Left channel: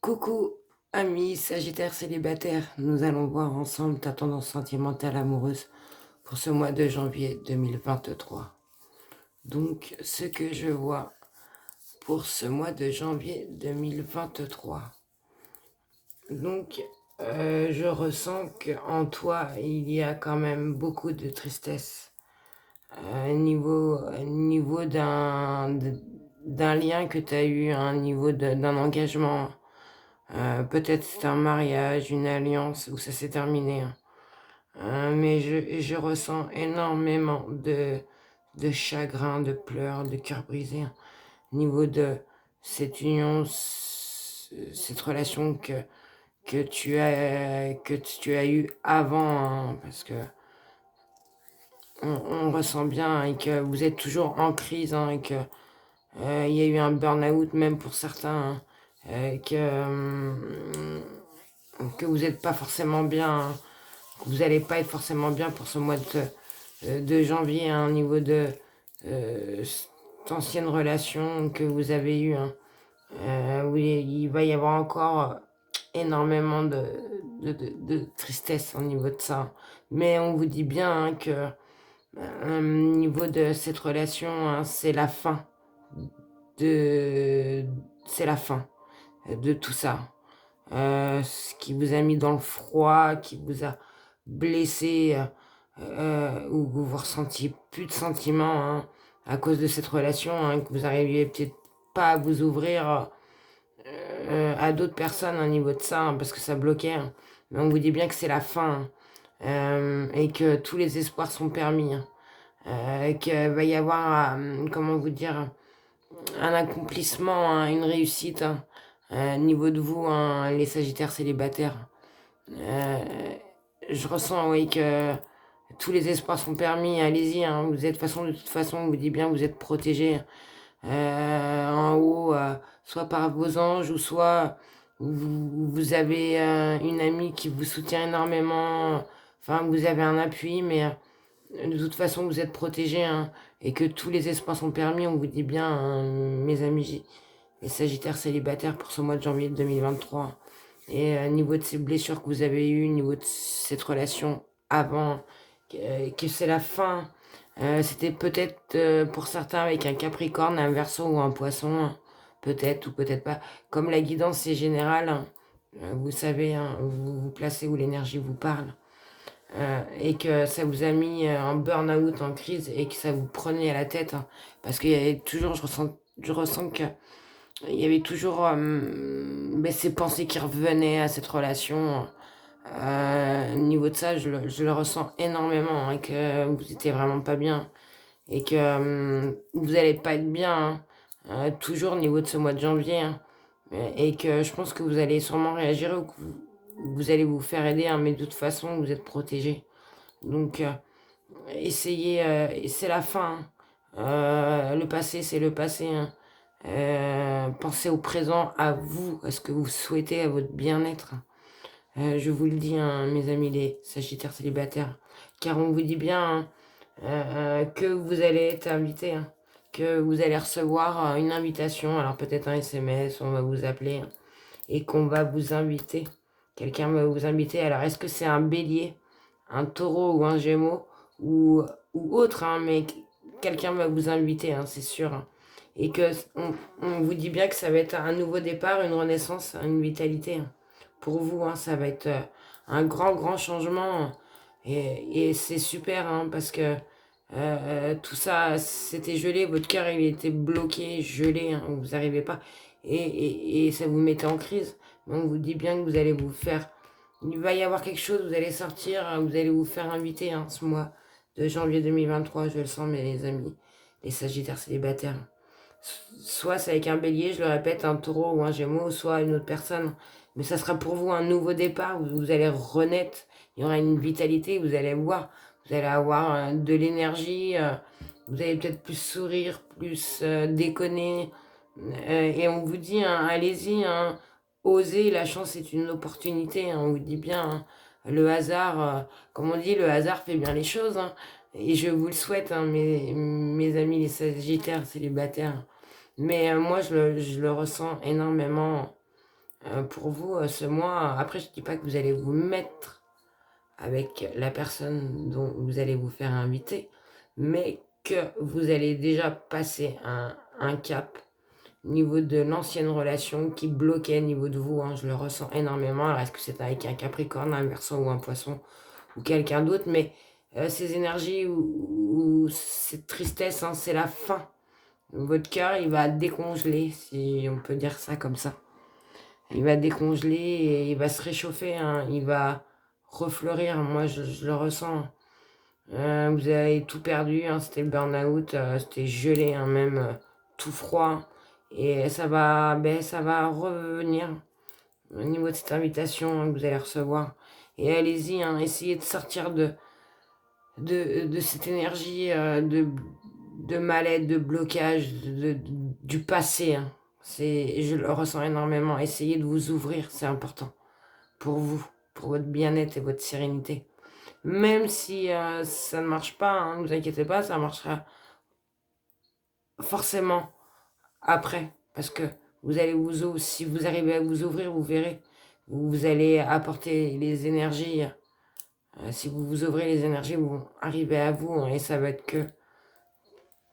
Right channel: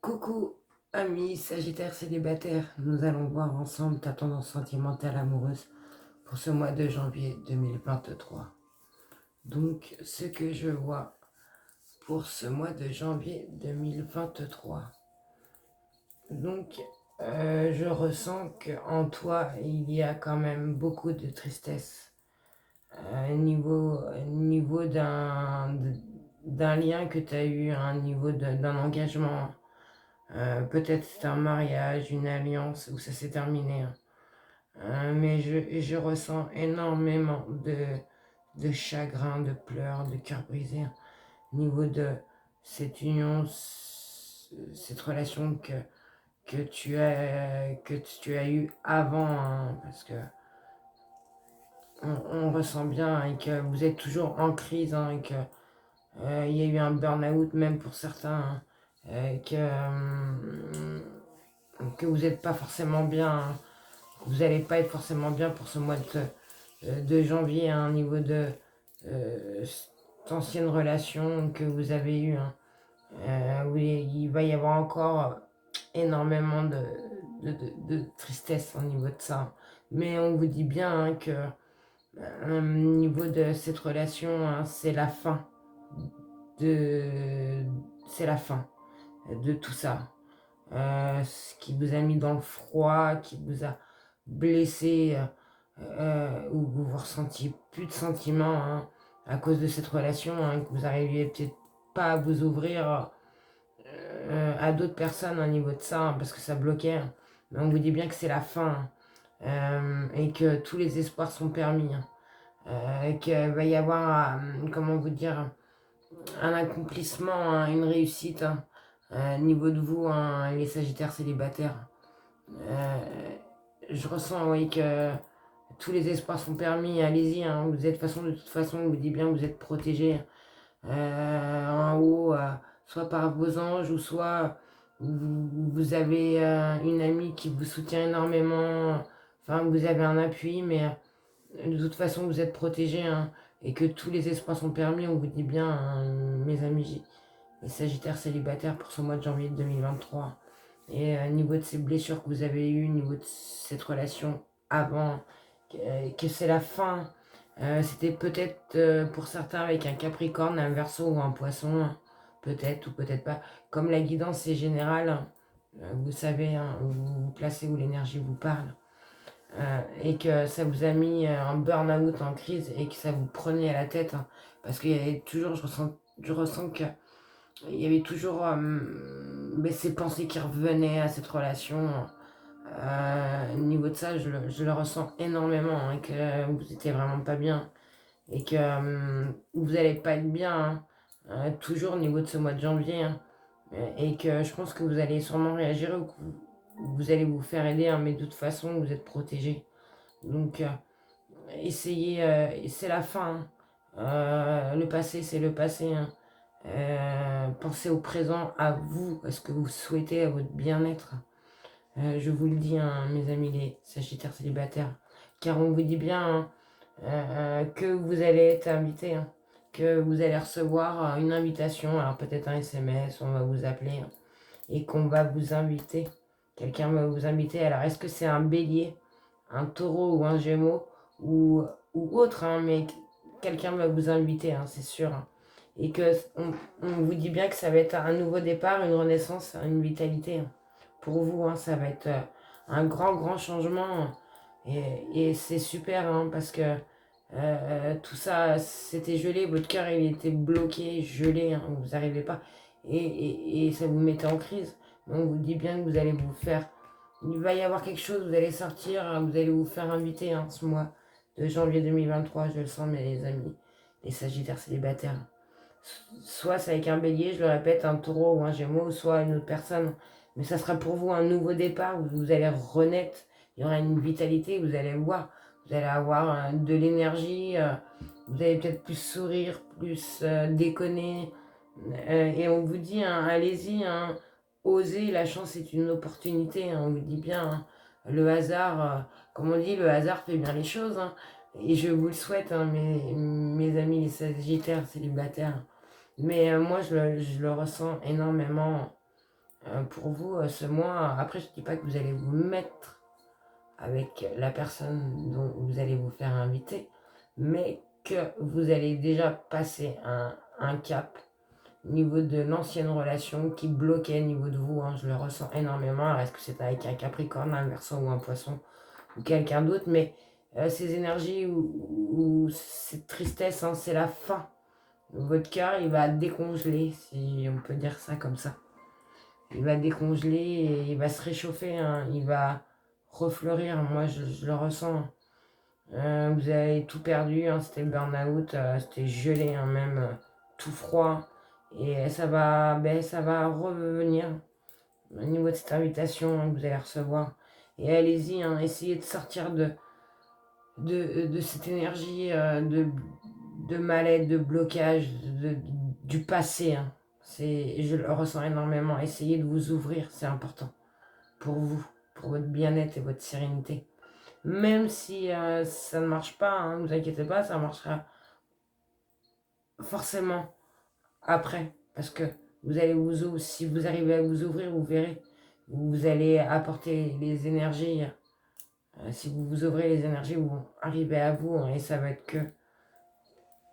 Coucou, amis Sagittaire célibataire, nous allons voir ensemble ta tendance sentimentale amoureuse pour ce mois de janvier 2023. Donc, ce que je vois pour ce mois de janvier 2023. Donc, je ressens qu'en toi, il y a quand même beaucoup de tristesse. Niveau d'un lien que tu as eu, un niveau d'un engagement. Peut-être c'est un mariage, une alliance où ça s'est terminé, hein. Mais je ressens énormément de chagrin, de pleurs, de cœur brisé, hein, au niveau de cette union, cette relation que tu as eue avant, hein, parce que on ressent bien, hein, et que vous êtes toujours en crise, hein, et que il y a eu un burn-out même pour certains, hein, que vous n'êtes pas forcément bien, hein, que vous n'allez pas être forcément bien pour ce mois de janvier, hein, au niveau de cette ancienne relation que vous avez eue, hein, où il va y avoir encore énormément de tristesse au niveau de ça. Mais on vous dit bien, hein, que au niveau de cette relation, hein, c'est la fin de c'est la fin de tout ça. Ce qui vous a mis dans le froid, qui vous a blessé, où vous ressentiez plus de sentiments, hein, à cause de cette relation, hein, que vous n'arriviez peut-être pas à vous ouvrir à d'autres personnes au niveau de ça, hein, parce que ça bloquait, hein. Mais on vous dit bien que c'est la fin, hein, et que tous les espoirs sont permis, hein, qu'il va y avoir, comment vous dire, un accomplissement, hein, une réussite, hein, au niveau de vous, hein, les Sagittaires célibataires. Euh, je ressens, oui, que tous les espoirs sont permis. Allez-y, hein, vous êtes de toute façon, on vous dit bien que vous êtes protégés en haut, soit par vos anges ou soit vous avez une amie qui vous soutient énormément. Enfin, vous avez un appui, mais de toute façon, vous êtes protégés, hein, et que tous les espoirs sont permis. On vous dit bien, hein, mes amis, les Sagittaires célibataires pour ce mois de janvier 2023. Et niveau de ces blessures que vous avez eues, niveau de cette relation avant, que c'est la fin. C'était peut-être pour certains avec un Capricorne, un Verseau ou un Poisson, hein, peut-être ou peut-être pas. Comme la guidance est générale, hein, vous savez, hein, vous vous placez où l'énergie vous parle. Et que ça vous a mis en burn-out, en crise, et que ça vous prenait à la tête, hein, parce qu'il y avait toujours, je ressens que il y avait toujours ces pensées qui revenaient à cette relation. Au niveau de ça, je le ressens énormément, hein, que vous n'étiez vraiment pas bien et que vous n'allez pas être bien, hein, toujours au niveau de ce mois de janvier, hein, et que je pense que vous allez sûrement réagir ou que vous allez vous faire aider, hein, mais de toute façon, vous êtes protégé. Donc, essayez, et c'est la fin, hein. Le passé, c'est le passé, hein. Pensez au présent, à vous, à ce que vous souhaitez, à votre bien-être. Je vous le dis, hein, mes amis les Sagittaires célibataires, car on vous dit bien, hein, que vous allez être invité, hein, que vous allez recevoir une invitation, alors peut-être un SMS, on va vous appeler, hein, et qu'on va vous inviter. Quelqu'un va vous inviter. Alors, est-ce que c'est un bélier, un taureau ou un gémeau ou autre, hein, mais quelqu'un va vous inviter, hein, c'est sûr, hein. Et que on vous dit bien que ça va être un nouveau départ, une renaissance, une vitalité, hein. Pour vous, hein, ça va être un grand, grand changement. Et c'est super, hein, parce que tout ça, c'était gelé, votre cœur il était bloqué, gelé, hein, vous n'arrivez pas. Et ça vous mettait en crise. Mais on vous dit bien que vous allez vous faire. Il va y avoir quelque chose, vous allez sortir, hein, vous allez vous faire inviter, hein, ce mois de janvier 2023, je le sens, mes amis, les Sagittaires célibataires. Soit c'est avec un bélier, je le répète, un taureau ou un gémeau, soit une autre personne. Mais ça sera pour vous un nouveau départ, où vous allez renaître, il y aura une vitalité, vous allez voir, vous allez avoir de l'énergie, vous allez peut-être plus sourire, plus déconner. Et on vous dit, hein, allez-y, hein, osez, la chance est une opportunité, hein, on vous dit bien, hein. Le hasard, comme on dit, le hasard fait bien les choses, hein. Et je vous le souhaite, hein, mes amis les Sagittaires célibataires. Mais moi, je le ressens énormément pour vous, ce mois. Après, je ne dis pas que vous allez vous mettre avec la personne dont vous allez vous faire inviter, mais que vous allez déjà passer un cap au niveau de l'ancienne relation qui bloquait au niveau de vous, hein, je le ressens énormément. Est-ce que c'est avec un Capricorne, un Verseau ou un Poisson ou quelqu'un d'autre, mais ces énergies ou cette tristesse, hein, c'est la fin. Votre cœur, il va décongeler, si on peut dire ça comme ça. Il va décongeler et il va se réchauffer, hein, il va refleurir. Moi, je le ressens. Vous avez tout perdu, hein, c'était le burn-out, c'était gelé, hein, même tout froid. Et ça va revenir au niveau de cette invitation, hein, que vous allez recevoir. Et allez-y, hein, essayez de sortir de cette énergie de mal-être, de blocage, du passé, hein. Je le ressens énormément. Essayez de vous ouvrir, c'est important pour vous, pour votre bien-être et votre sérénité. Même si ça ne marche pas, hein, ne vous inquiétez pas, ça marchera forcément après. Parce que si vous arrivez à vous ouvrir, vous verrez, vous allez apporter les énergies. Si vous vous ouvrez, les énergies vont arriver à vous, hein, et ça va être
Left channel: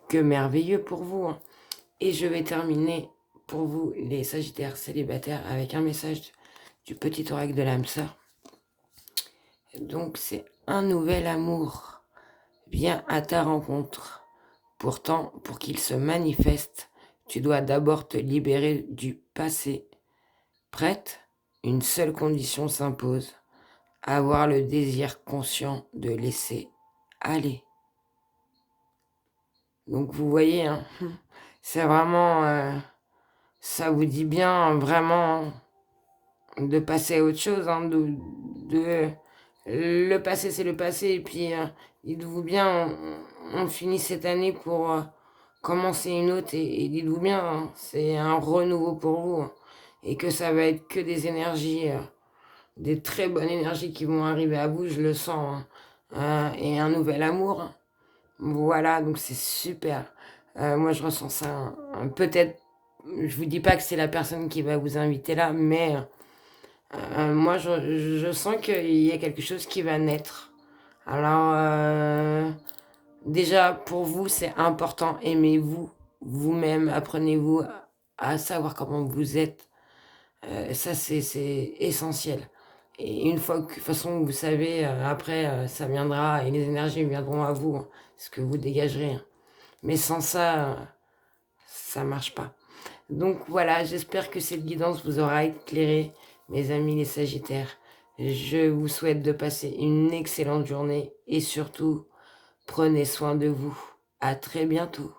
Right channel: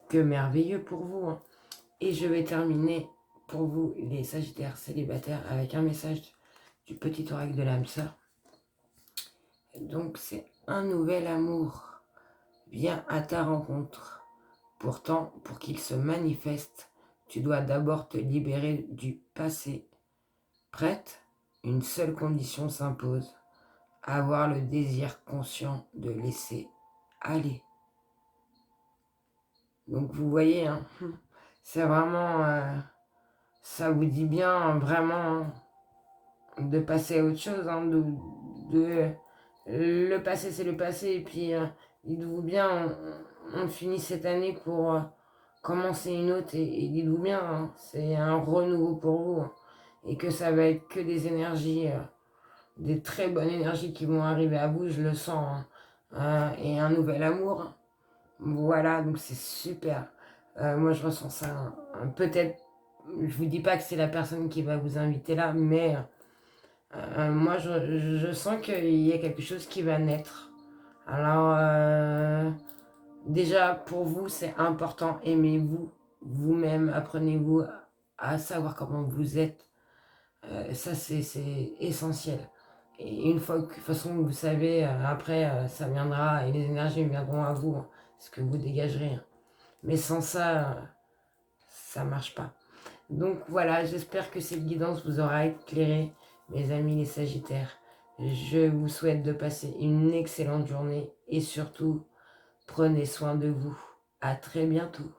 que merveilleux pour vous, hein. Et je vais terminer pour vous, les Sagittaires célibataires, avec un message du petit oracle de l'âme sœur. Donc c'est un nouvel amour vient à ta rencontre. Pourtant, pour qu'il se manifeste, tu dois d'abord te libérer du passé. Prête? Une seule condition s'impose. Avoir le désir conscient de laisser aller. Donc vous voyez, hein, c'est vraiment, ça vous dit bien vraiment de passer à autre chose, hein, le passé c'est le passé, et puis dites-vous bien, on finit cette année pour commencer une autre, et dites-vous bien, hein, c'est un renouveau pour vous, hein, et que ça va être que des énergies, des très bonnes énergies qui vont arriver à vous, je le sens, hein, et un nouvel amour, hein. Voilà, donc c'est super. Moi je ressens ça, hein. Peut-être, je vous dis pas que c'est la personne qui va vous inviter là, mais moi, je sens qu'il y a quelque chose qui va naître. Alors, déjà, pour vous, c'est important. Aimez-vous, vous-même. Apprenez-vous à savoir comment vous êtes. Ça, c'est essentiel. Et une fois que, de toute façon, vous savez, après, ça viendra et les énergies viendront à vous, hein, ce que vous dégagerez, hein. Mais sans ça, ça marche pas. Donc voilà, j'espère que cette guidance vous aura éclairé, mes amis les Sagittaires. Je vous souhaite de passer une excellente journée et surtout, prenez soin de vous. À très bientôt.